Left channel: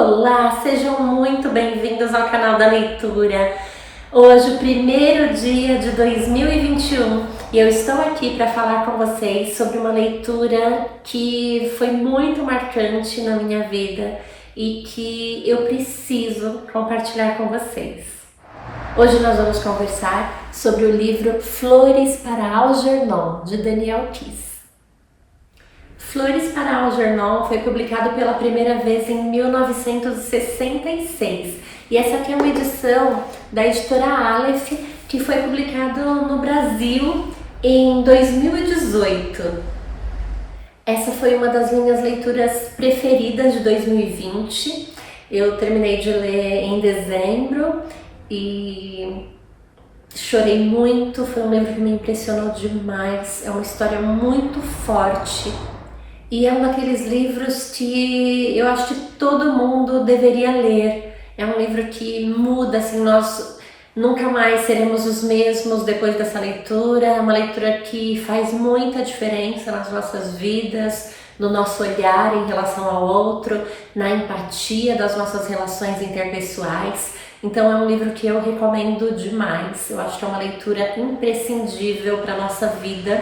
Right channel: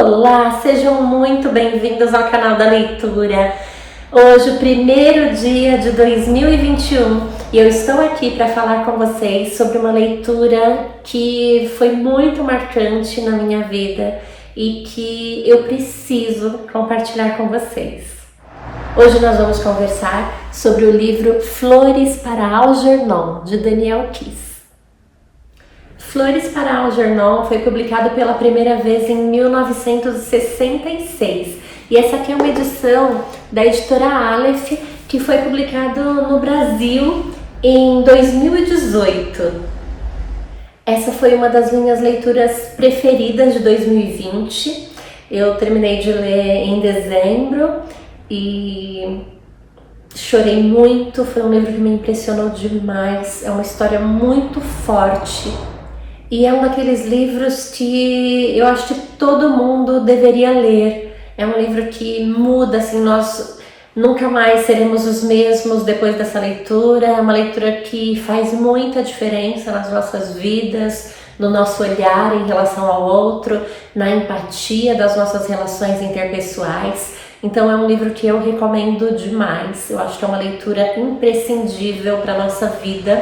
Olá, sejam muito bem-vindos ao canal da leitura. Hoje, o primeiro dia de 2021, e eu estou aqui para falar com vocês sobre uma leitura que foi muito marcante na minha vida e que eu preciso compartilhar com vocês. Hoje nós vamos conversar sobre o livro Flores para Algernon, de Daniel Keyes. Flores para Algernon foi publicado pela primeira vez em 1966 e essa aqui é uma edição da editora Aleph que foi publicado no Brasil em 2018. Essa foi uma das minhas leituras preferidas de 2020. Eu terminei de ler em dezembro e chorei muito, foi um livro que me impressionou demais, é uma história muito forte. E é um daqueles livros que eu acho que todo mundo deveria ler. É um livro que muda, assim, nós nunca mais seremos os mesmos depois dessa leitura. É uma leitura que faz muita diferença nas nossas vidas, no nosso olhar em relação ao outro, na empatia das nossas relações interpessoais. Então é um livro que eu recomendo demais. Eu acho que é uma leitura imprescindível para a nossa vida.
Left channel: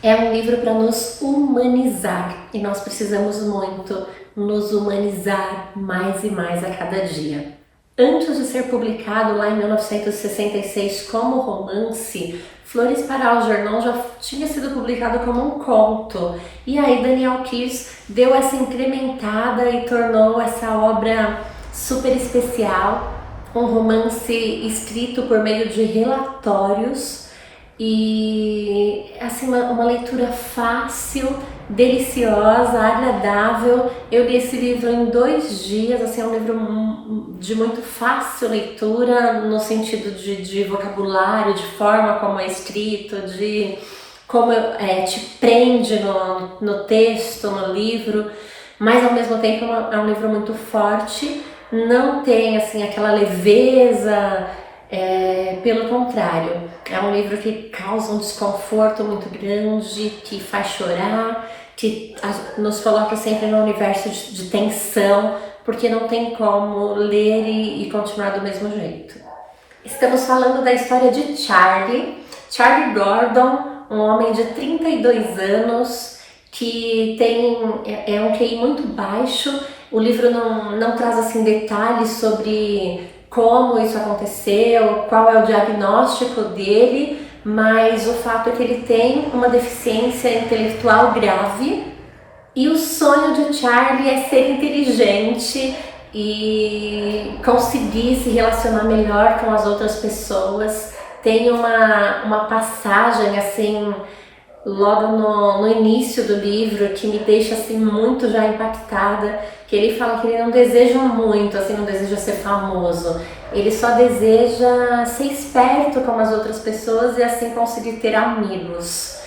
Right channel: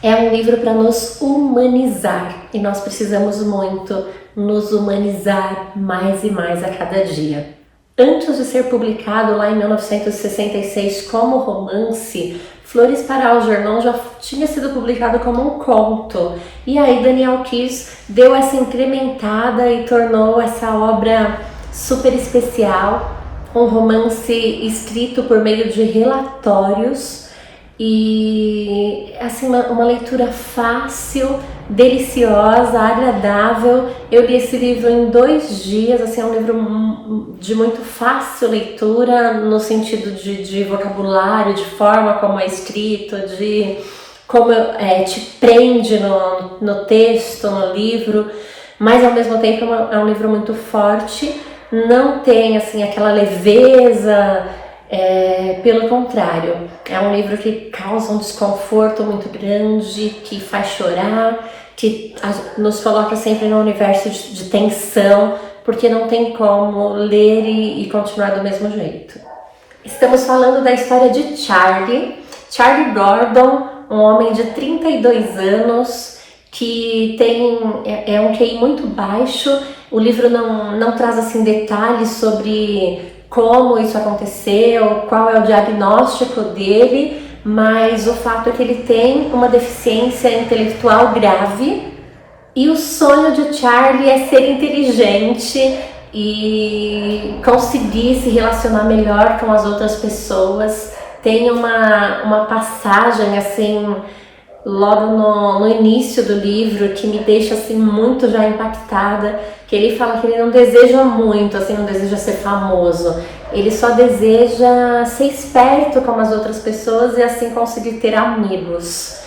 É um livro para nos humanizar e nós precisamos muito nos humanizar mais e mais a cada dia. Antes de ser publicado lá em 1966 como romance, Flores para Algernon já tinha sido publicado como um conto. E aí Daniel Keyes deu essa incrementada e tornou essa obra super especial, um romance escrito por meio de relatórios. E assim, uma leitura fácil, deliciosa, agradável. Eu li esse livro em 2 dias, assim, é um livro de muito fácil leitura, no sentido de vocabulário, de forma como é escrito, de como te prende no texto, no livro, mas ao mesmo tempo é um livro muito forte, não tem assim aquela leveza. Pelo contrário, é um livro que causa um desconforto muito grande, que faz chorar, que nos coloca sempre num universo de tensão, porque não tem como ler e continuar do mesmo jeito. Estamos falando da história de Charlie Gordon, um homem de 32 anos, que é um QI muito baixo. O livro não traz assim detalhes sobre como isso aconteceu, qual é o diagnóstico dele, mas o fato é que ele tem uma deficiência intelectual grave e o sonho de Charlie é ser inteligente e conseguir se relacionar melhor com as outras pessoas. Tem uma passagem assim logo no início do livro que me deixa assim muito já impactada, que ele fala que ele não deseja muito, assim, não deseja ser famoso, ele só deseja ser esperto como as outras pessoas e assim conseguir ter amigos.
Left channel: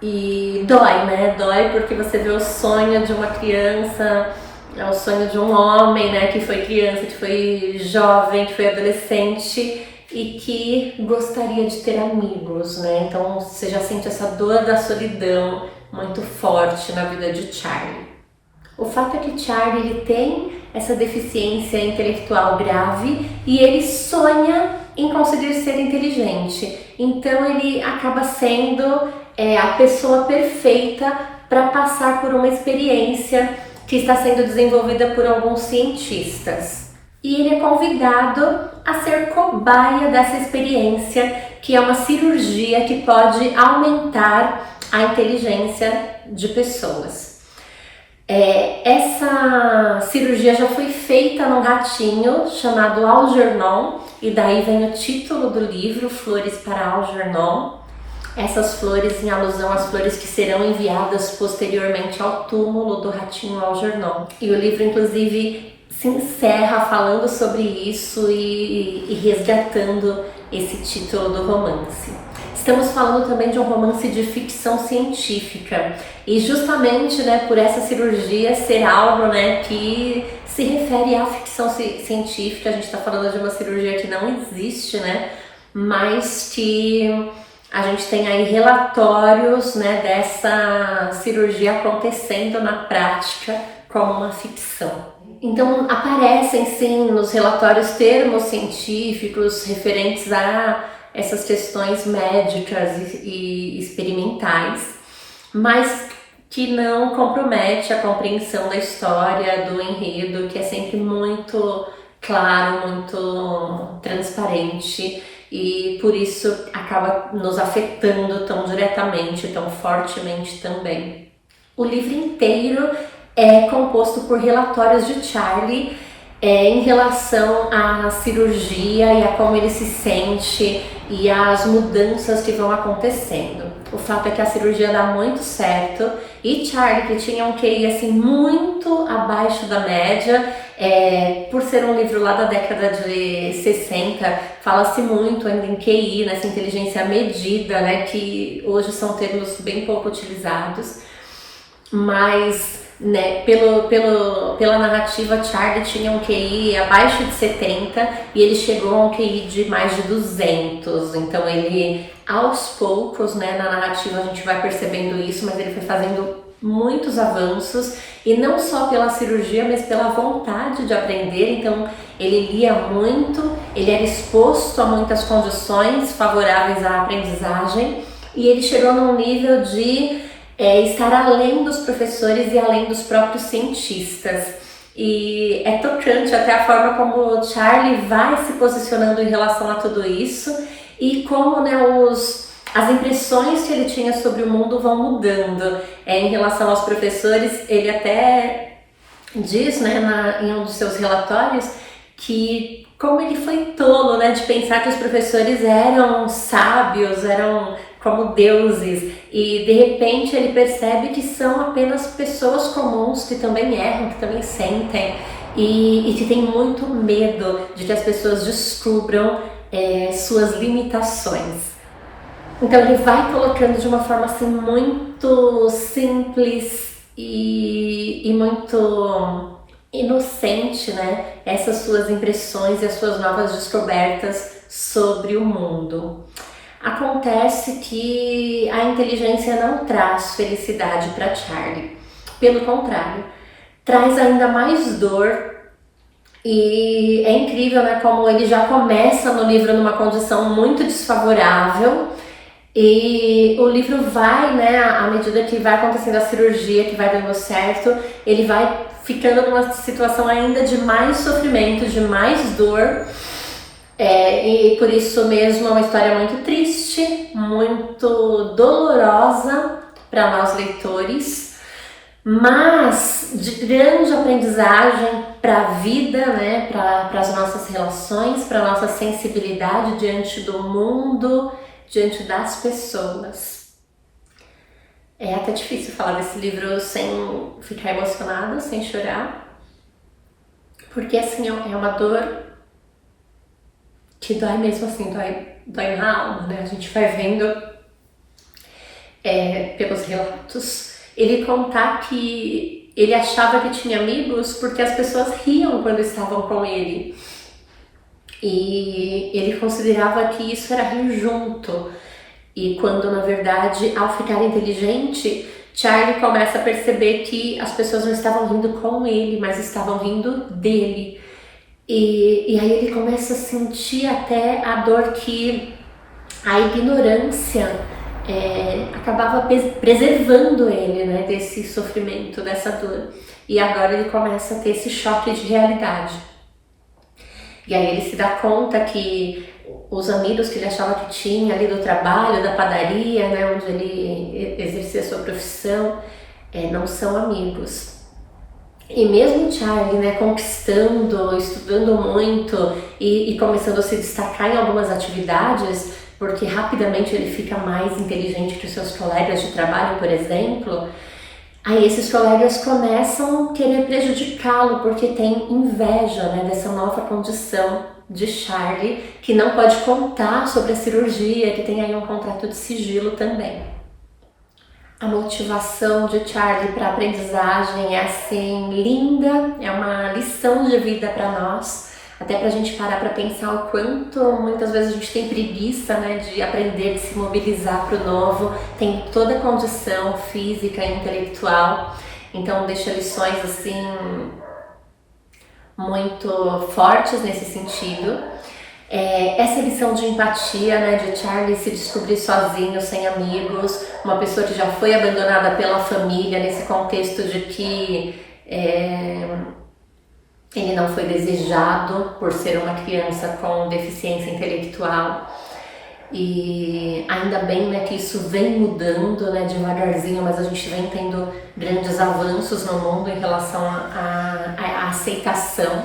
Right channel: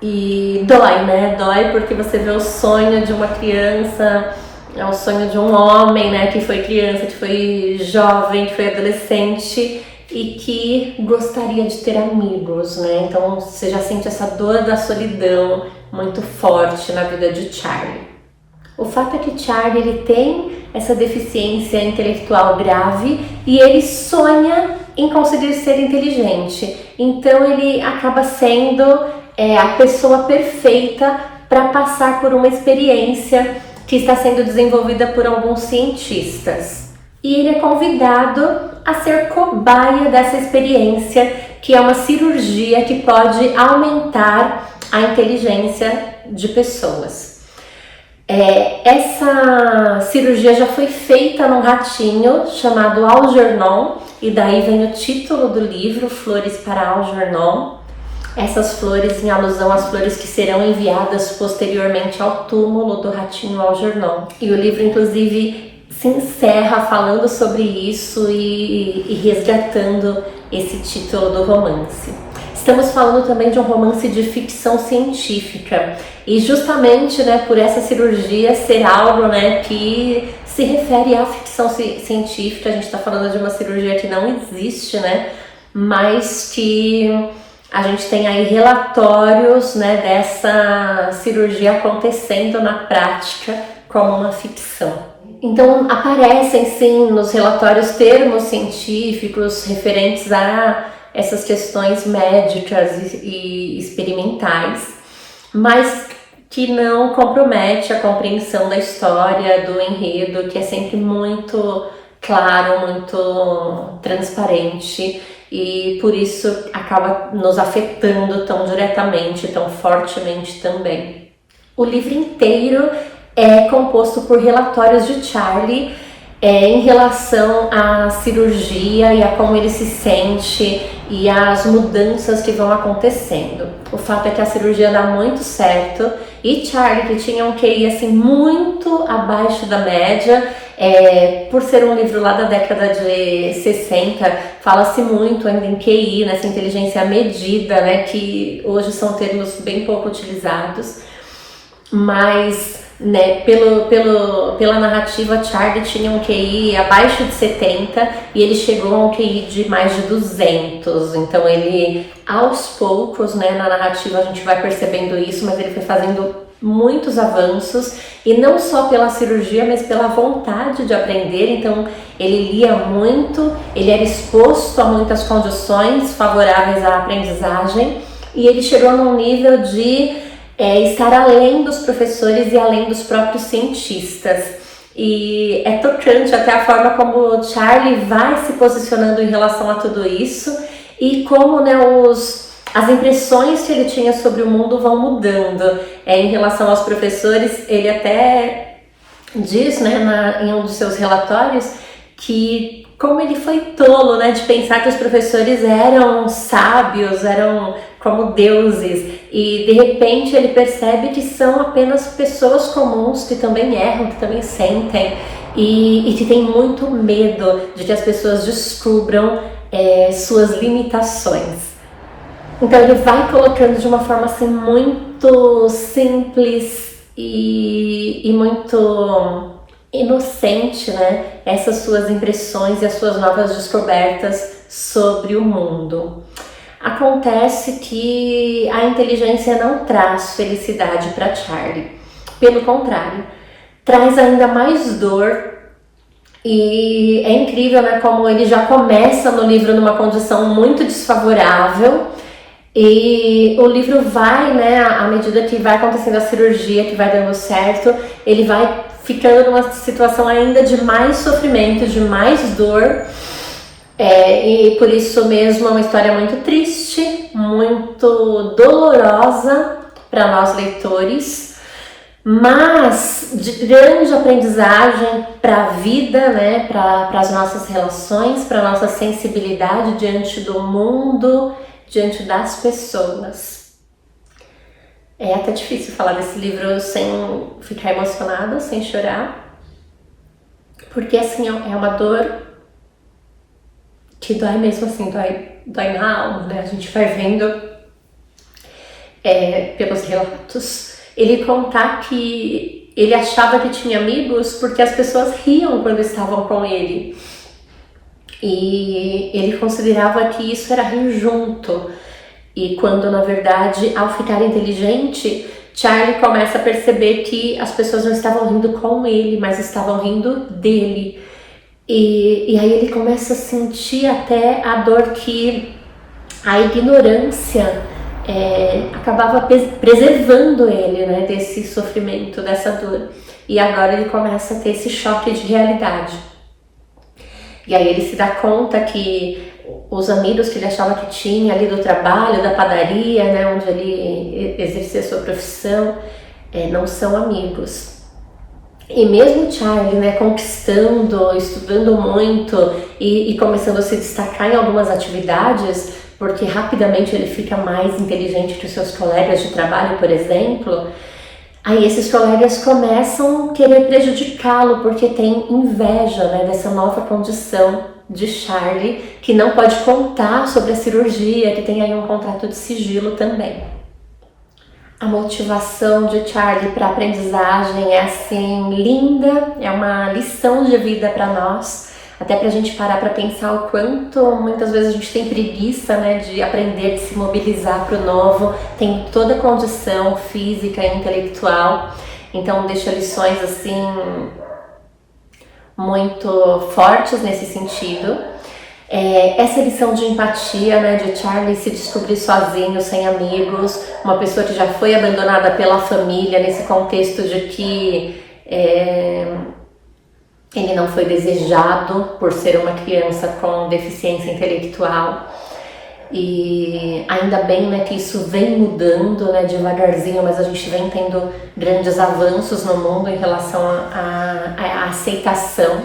E dói, né? Dói porque você vê o sonho de uma criança, é o sonho de um homem, né, que foi criança, que foi jovem, que foi adolescente e que gostaria de ter amigos, né? Então você já sente essa dor da solidão muito forte na vida de Charlie. O fato é que Charlie ele tem essa deficiência intelectual grave e ele sonha em conseguir ser inteligente. Então ele acaba sendo a pessoa perfeita para passar por uma experiência que está sendo desenvolvida por alguns cientistas. E ele é convidado a ser cobaia dessa experiência, que é uma cirurgia que pode aumentar a inteligência de pessoas. Essa cirurgia já foi feita num ratinho chamado Algernon, e daí vem o título do livro, Flores para Algernon. Essas flores em alusão às flores que serão enviadas posteriormente ao túmulo do ratinho Algernon. E o livro, inclusive, se encerra falando sobre isso e resgatando esse título do romance. Estamos falando também de um romance de ficção científica e justamente, né, por essa cirurgia ser algo, né, que se refere à ficção científica. A gente está falando de uma cirurgia que não existe, né, mas que a gente tem aí relatórios, né, dessa cirurgia acontecendo na prática como uma ficção. Então aparecem sim nos relatórios termos científicos referentes a essas questões médicas e experimentais, mas que não compromete a compreensão da história, do enredo, que é sempre muito claro, muito transparente, e por isso acaba nos afetando tão diretamente, tão fortemente também. O livro inteiro é composto por relatórios de Charlie em relação à cirurgia e a como ele se sente e as mudanças que vão acontecendo. O fato é que a cirurgia dá muito certo e Charlie, que tinha um QI assim muito abaixo da média, por ser um livro lá da década de 60, fala-se muito ainda em QI, nessa inteligência medida, né, que hoje são termos bem pouco utilizados, mas né, pela narrativa, Charlie tinha um QI abaixo de 70 e ele chegou a um QI de mais de 200. Então ele, aos poucos, né, na narrativa a gente vai percebendo isso, mas ele foi fazendo muitos avanços, e não só pela cirurgia, mas pela vontade de aprender. Então ele lia muito, ele era exposto a muitas condições favoráveis à aprendizagem, e ele chegou num nível de estar além dos professores e além dos próprios cientistas. E é tocante até a forma como o Charlie vai se posicionando em relação a tudo isso, e como, né, as impressões que ele tinha sobre o mundo vão mudando. Em relação aos professores, ele até diz, né, em um dos seus relatórios, que como ele foi tolo, né, de pensar que os professores eram sábios, eram como deuses, e de repente ele percebe que são apenas pessoas comuns que também erram, que também sentem, e que tem muito medo de que as pessoas descubram suas limitações. Então ele vai colocando de uma forma assim muito simples e muito inocente, né, essas suas impressões e as suas novas descobertas sobre o mundo. Acontece que a inteligência não traz felicidade para Charlie. Pelo contrário, traz ainda mais dor. E é incrível, né, como ele já começa no livro numa condição muito desfavorável, e o livro vai, né, à medida que vai acontecendo a cirurgia, que vai dando certo, ele vai ficando numa situação ainda de mais sofrimento, de mais dor. E por isso mesmo é uma história muito triste, muito dolorosa para nós leitores, mas de grande aprendizagem para a vida, né, para as nossas relações, para a nossa sensibilidade diante do mundo, diante das pessoas. É até difícil falar desse livro sem ficar emocionada, sem chorar, porque assim é uma dor que dói mesmo, assim, dói na alma, né? A gente vai vendo pelos relatos ele contar que ele achava que tinha amigos porque as pessoas riam quando estavam com ele, e ele considerava que isso era rir junto, e quando na verdade, ao ficar inteligente, Charlie começa a perceber que as pessoas não estavam rindo com ele, mas estavam rindo dele. E aí ele começa a sentir até a dor que a ignorância acabava preservando ele, né, desse sofrimento, dessa dor. E agora ele começa a ter esse choque de realidade. E aí ele se dá conta que os amigos que ele achava que tinha ali do trabalho, da padaria, né, onde ele exercia sua profissão, não são amigos. E mesmo Charlie, né, conquistando, estudando muito e começando a se destacar em algumas atividades, porque rapidamente ele fica mais inteligente que os seus colegas de trabalho, por exemplo, aí esses colegas começam a querer prejudicá-lo, porque tem inveja, né, dessa nova condição de Charlie, que não pode contar sobre a cirurgia, que tem aí um contrato de sigilo também. A motivação de Charlie para a aprendizagem é assim linda, é uma lição de vida para nós, até para a gente parar para pensar o quanto muitas vezes a gente tem preguiça, né, de aprender, de se mobilizar para o novo. Tem toda a condição física e intelectual, Então deixa lições assim muito fortes nesse sentido. Essa lição de empatia, né, de Charlie se descobrir sozinho, sem amigos, uma pessoa que já foi abandonada pela família, nesse contexto de que ele não foi desejado por ser uma criança com deficiência intelectual. E ainda bem, né, que isso vem mudando, né, devagarzinho, mas a gente vem tendo grandes avanços no mundo em relação à aceitação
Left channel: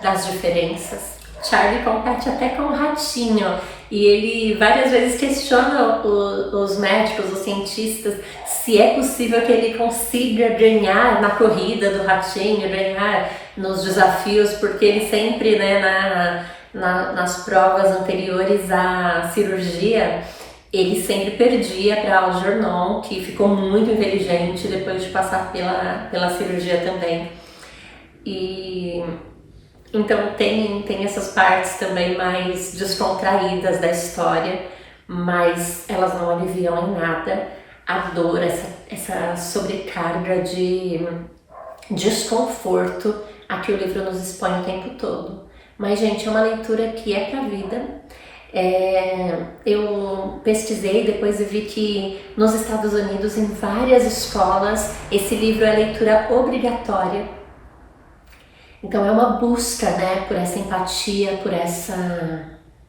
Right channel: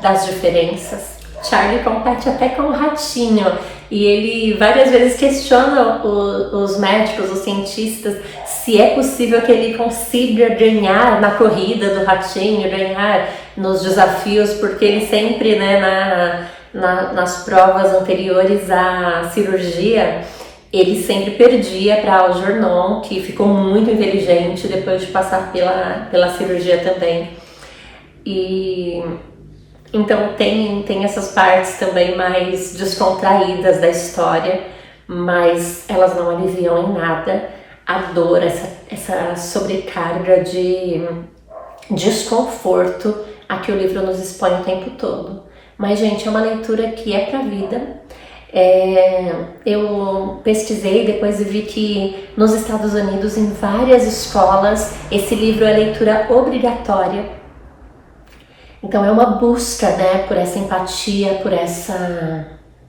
das diferenças. Charlie compete até com o ratinho e ele várias vezes questiona os médicos, os cientistas, se é possível que ele consiga ganhar na corrida do ratinho, ganhar nos desafios, porque ele sempre, né, nas provas anteriores à cirurgia, ele sempre perdia para Algernon, que ficou muito inteligente depois de passar pela cirurgia também. E então tem essas partes também mais descontraídas da história, mas elas não aliviam em nada a dor, essa sobrecarga de desconforto a que o livro nos expõe o tempo todo. Mas, gente, é uma leitura que é pra vida. Eu pesquisei depois e vi que nos Estados Unidos, em várias escolas, esse livro é leitura obrigatória. Então é uma busca, né, por essa empatia,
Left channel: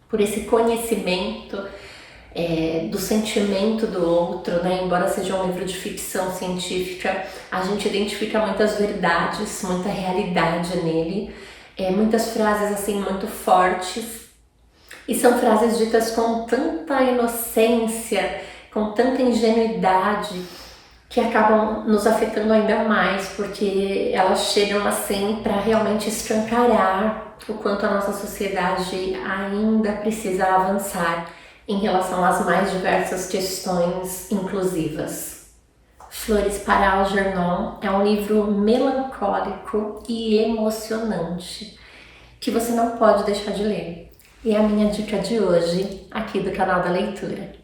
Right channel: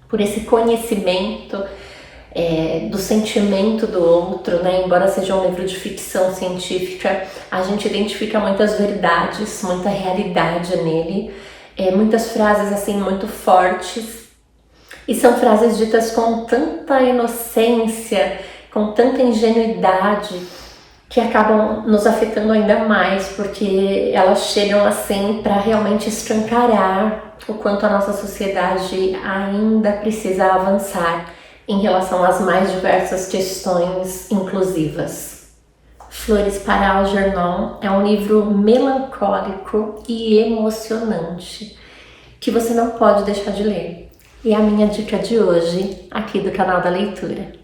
por esse conhecimento do sentimento do outro, né? Embora seja um livro de ficção científica, a gente identifica muitas verdades, muita realidade nele, muitas frases assim muito fortes, e são frases ditas com tanta inocência, com tanta ingenuidade, que acabam nos afetando ainda mais, porque elas chegam assim para realmente escancarar o quanto a nossa sociedade ainda precisa avançar em relação às mais diversas questões inclusivas. Flores para Algernon é um livro melancólico e emocionante que você não pode deixar de ler. E é a minha dica de hoje aqui do canal da leitura.